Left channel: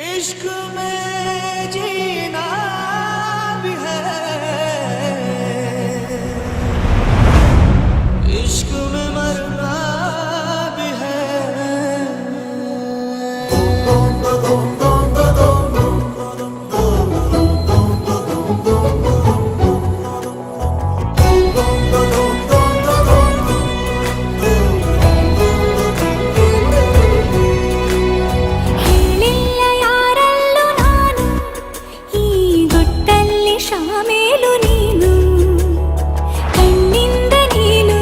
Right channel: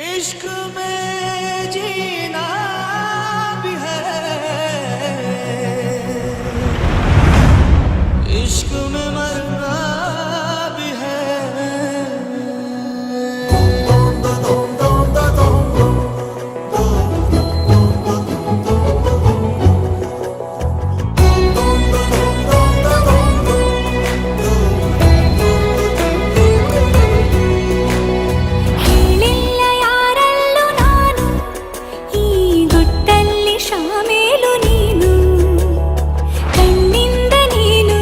इश्क में जीना भी है, इश्क में मरना भी है। ಶಾಮೇಲು ನೀನು ಕಣ್ಣಿಂದ ನೀನು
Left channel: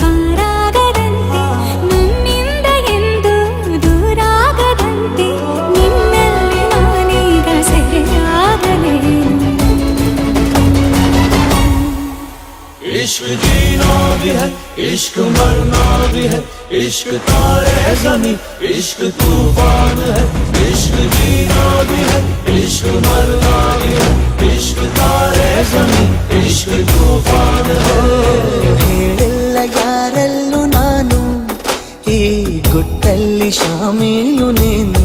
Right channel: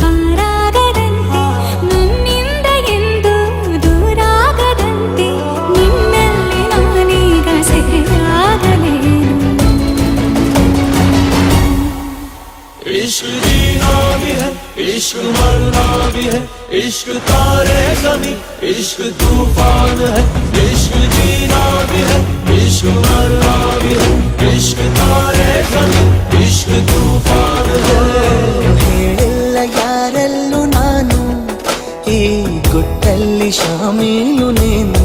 ಪಾರಾಗದಂತೆ, ನನ್ನಿಂದ ಎಂದು ದೂರಾಗದಂತೆ, ನಿನ್ನಲ್ಲಿ ನಾನೀಗ ಸೆರೆಯಾಗಲೇನು. इश्क जीना भी है, इश्क मरना भी है, इश्क तारे ज़मीं, इश्क तूफान है। इश्क जीना भी है, इश्क मरना भी है, इश्क तारे ज़मीं, इश्क तूफान है। ಹೇಳಿಲ್ಲ ಯಾರಲ್ಲೂ ನಾನು, ಈ ಗುಟ್ಟಲ್ಲಿ ಶಾಮೀಲು ನೀನು.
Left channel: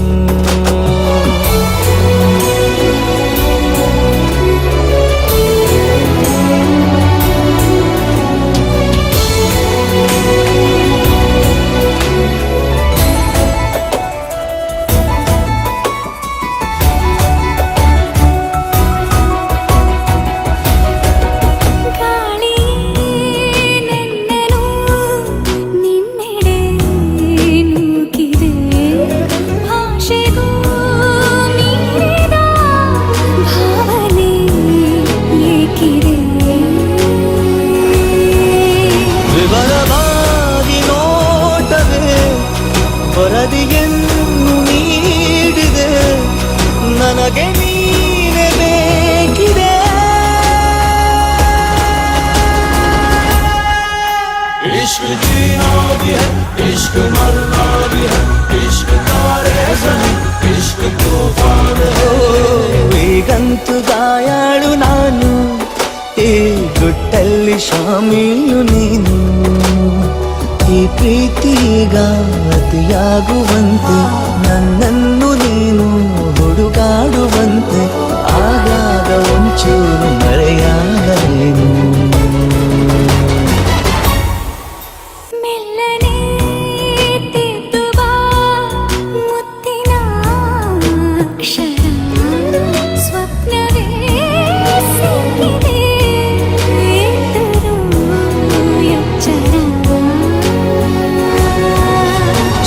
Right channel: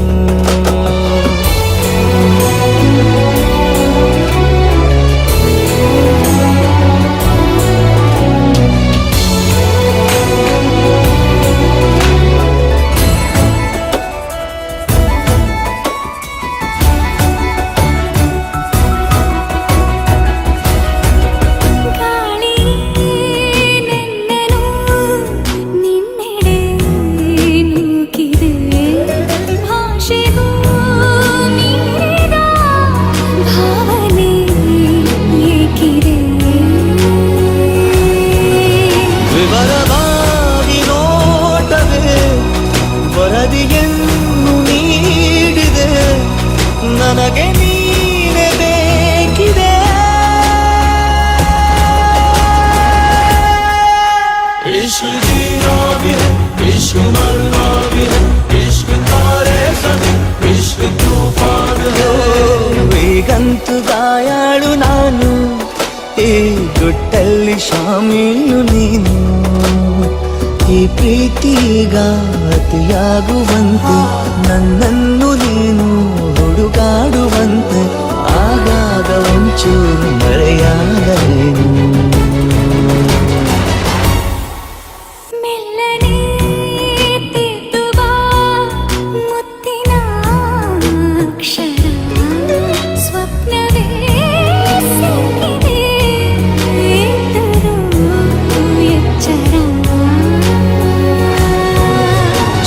ವಿವರವಾಗಿ ನೋಟವೇ ವರದಿಯನ್ನು ನೀಡಿದೆ, ನನಗೆ ನೀನೇ ಬೇಕಿದೆ. इश्क जीना भी है, इश्क मरना भी है, इश्क तारे ज़मीं, इश्क तूफान है. ಈಗಂತೂ ಗಾಯಾಳು ನಾನು, ಈ ಗುಟ್ಟಲ್ಲಿ ಶಾಮೀಲು ನೀನು. ಈ ಪ್ರೀತಿಗ ಅತಿಯಾಗುವಂತೆ, ನನ್ನನ್ನು ನೀನು ಹುಡುಗಾಡುವಂತೆ, ಆಗಾಗ ಒಂಚೂರು ಮರೆಯಾಗಲೇನು.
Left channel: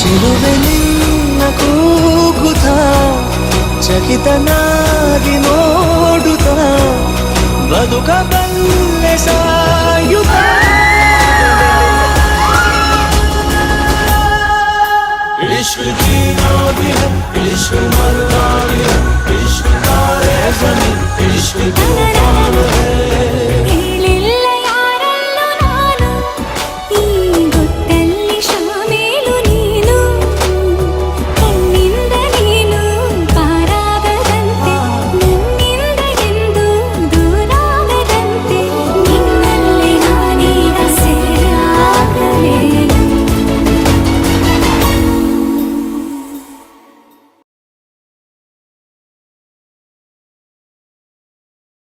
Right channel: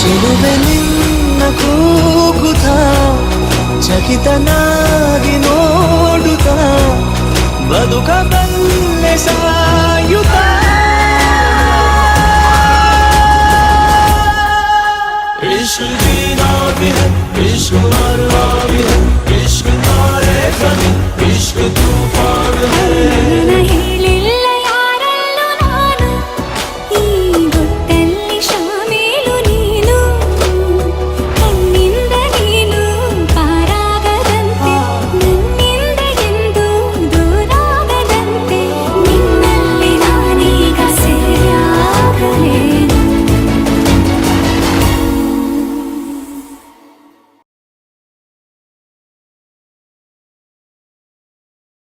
ಚೆಲುವೆ ನಿನ್ನ ಕೂಗುತ್ತ, ಚಕಿತನಾಗಿ ನೋಡುತ್ತ, ಬದುಕಬಲ್ಲೆ ಸಾಯ